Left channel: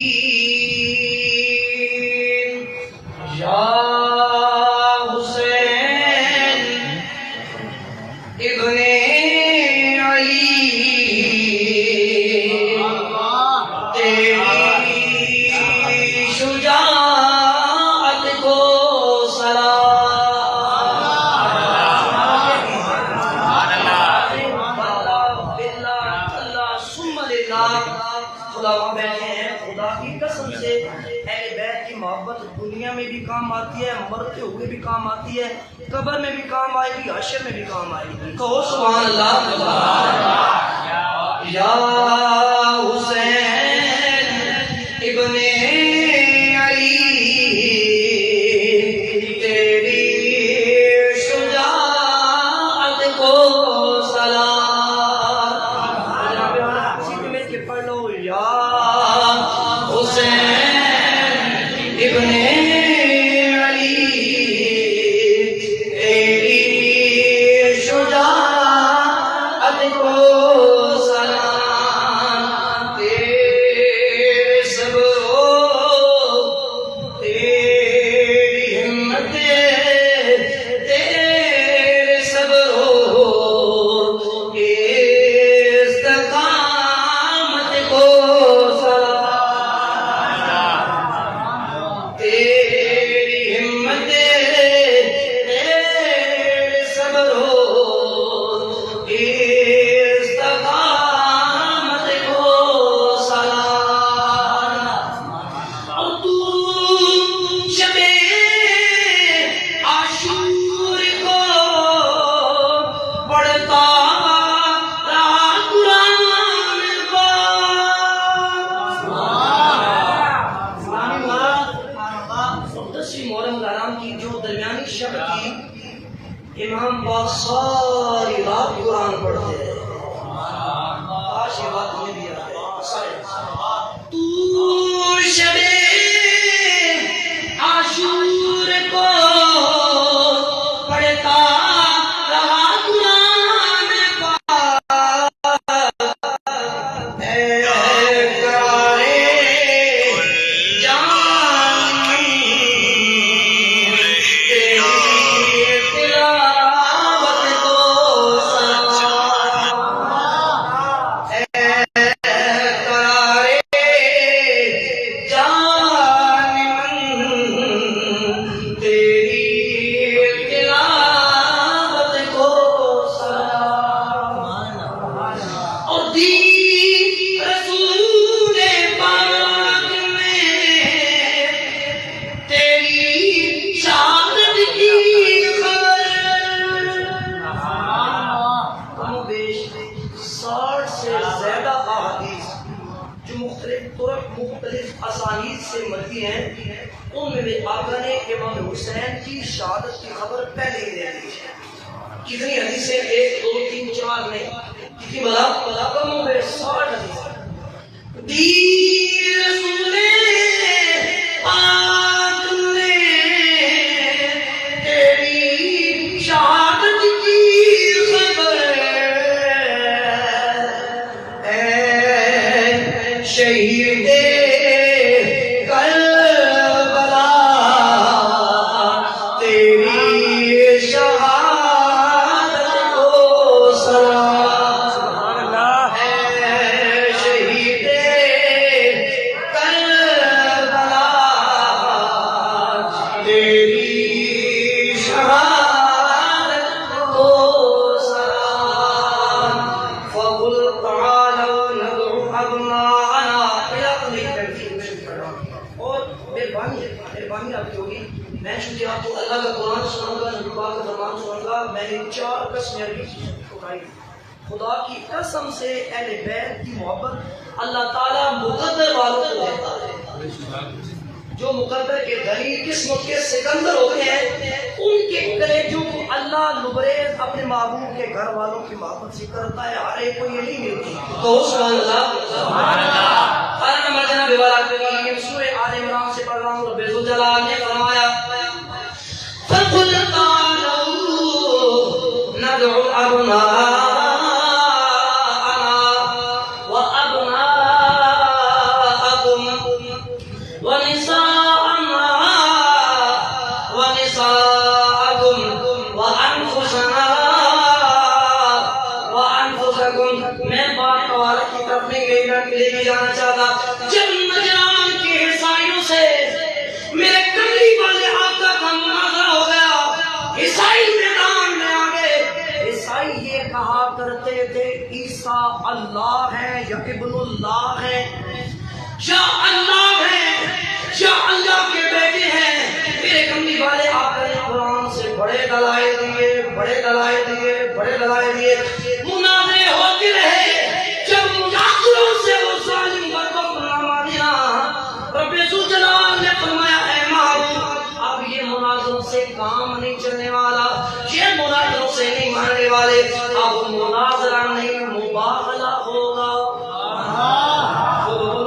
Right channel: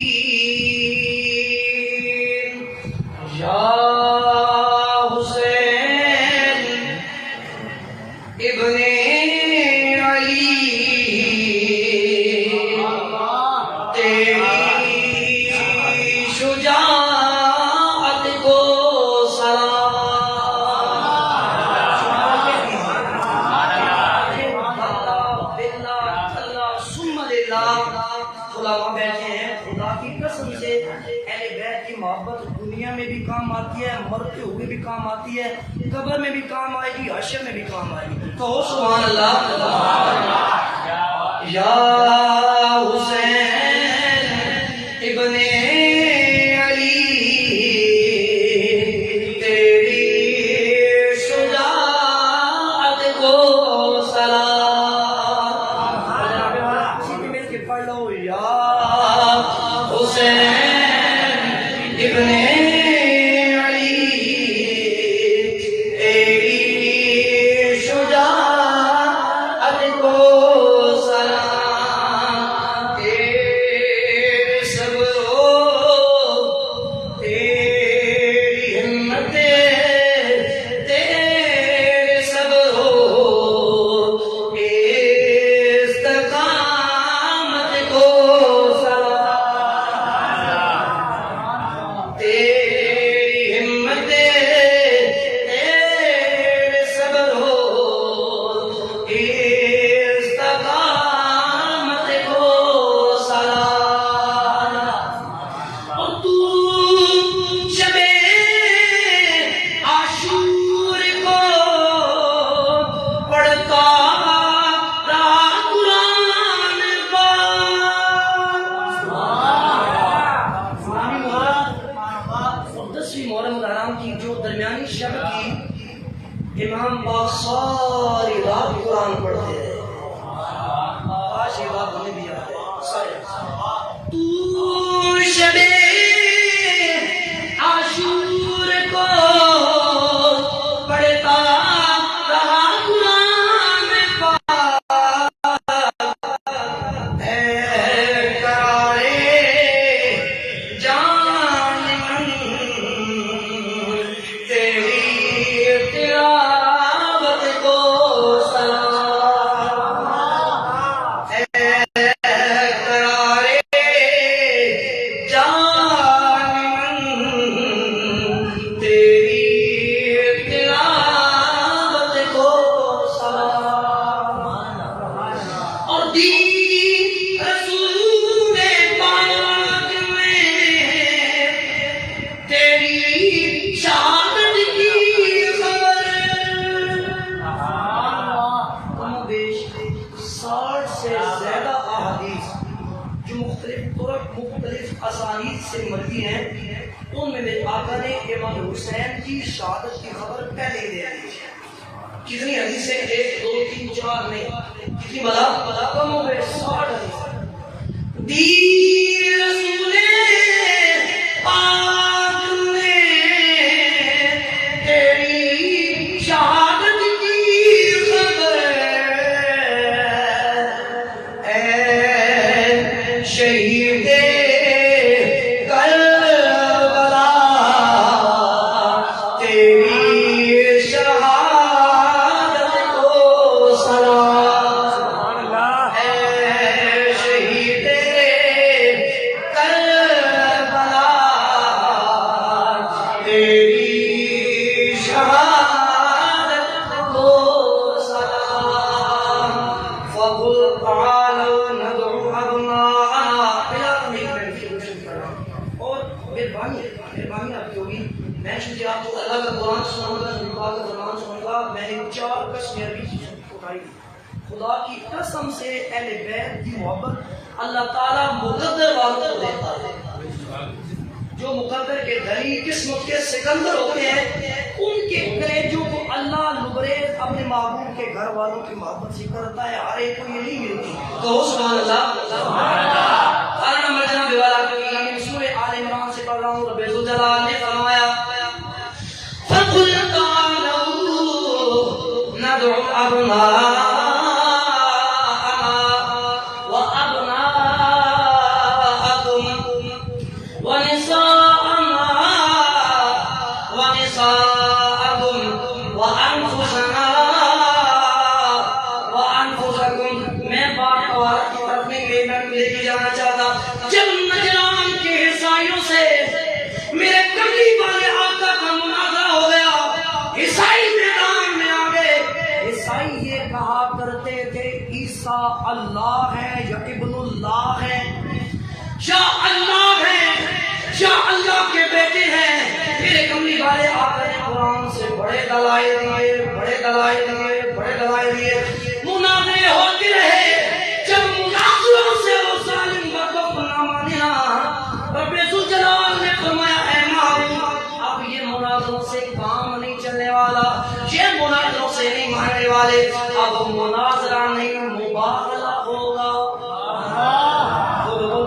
یا حسین ابن علی تیری شجاعت کو سلام۔ اللہ ثم للہ۔ خدا بیٹھے ہیں، خدا کی قسم سے اہل بیت کی محبت دنیا میں بھی کام آتی ہے، مرتے ہوئے بھی کام آتی ہے، قبر میں بھی کام آئے گی، حشر میں بھی کام آئے گی۔ کہو سبحان اللہ۔ یا حسین ابن علی تیری شجاعت کو سلام۔ سیدھے مل کے پڑھ لو، یا حسین ابن علی تیری شجاعت کو سلام۔ تیرے صبر و تیری ہمت، تیرے صبر و استقامت کو سلام۔ تیری ہمت، تیرے صبر و استقامت کو سلام۔ اور تو شب عاشور کو پڑھتا رہا قرآن پاک۔ 10ویں محرم الحرام کی جو درمیانی شب کی امام پاک ساری رات قرآن پڑھتے رہے۔ آج یہ بات ہمیں بھی یاد ہے۔ تو شب عاشور کو پڑھتا رہا قرآن پاک، اے کرارے جان تیری تلاوت کو سلام۔ اے کرارے جان تیری تلاوت کو سلام۔ اور دین رسول پاک میں تیری شہادت کی خبر، کم و بیش 60 سے زیادہ احادیث جو مختلف طرق مختلف اسانید سے مروی ہیں، ان میں میرے آقا نے امام حسین کی شہادت کی خبر پہلے ہی دے دی ہے۔ کتنی حدیثیں؟ 1 2 3 4 نہیں، کتنی بڑا کم و بیش 60 حدیثیں۔ دین رسول پاک میں تیری شہادت کی خبر، اے شہید کربلا تیری شہادت کو سلام۔ سبحان اللہ۔ اے شہید کربلا تیری شہادت کو سلام۔ فقل تعالوا ندعو ابناءنا الى اور مہربانی آپ کی ہوگی، میں چونکہ آپ کو اللہ کا قرآن سناؤں گا، نبی پاک کا فرمان سناؤں گا، میں نے 4 قسمیں عربی کی اٹھائی۔ خدا کی قسم سے اہل بیت کی محبت اللہ تعالیٰ مقدر والوں کو دیتا ہے۔ جو مقدر کے دھنی قسم کے سکندر ہوتے ہیں، ان کے کلیجوں کو اللہ لبریز اپنے محبوب کے گھر والوں کی محبت سے کرتا ہے، ہر ایک کو یہ نہیں ملتی۔ تو سبحان اللہ۔ قرآن نمبر جناب میں سورہ آل عمران سے پڑھ رہا ہوں۔ رب ذوالجلال نے فرمایا فَقُلْ تَعَالَوْا نَدْعُ أَبْنَاءَنَا وَأَبْنَاءَكُمْ ونساءنا ونساءكم وأنفسنا وأنفسكم. میں بات عورت کی طرف نہیں لے جانا چاہتا. جب نجران کے عیسائیوں سے میرے کملی والے آقا کا مناظرہ ہو گیا، عیسائی میدان میں آ گئے. عیسائی یہ کہا کرتے تھے عیسیٰ اللہ ہے یا ابن اللہ ہے، یا اللہ ہے یا اللہ کے بیٹے ہیں. میرے کملی والے آقا نے قرآن سے بڑے دلائل دیے، بڑے دلائل دیے، بڑے دلائل دیے. مناظرے ہوتے رہے. جب مناظروں سے وہ ظالم برکت نامہ دینا، رب ذوالجلال نے فرمایا اے معروف، اب یہ مناظروں سے کام نہیں چلنے والا، یہ مناظروں سے نہیں ماننے والے. اب مناظرہ نہیں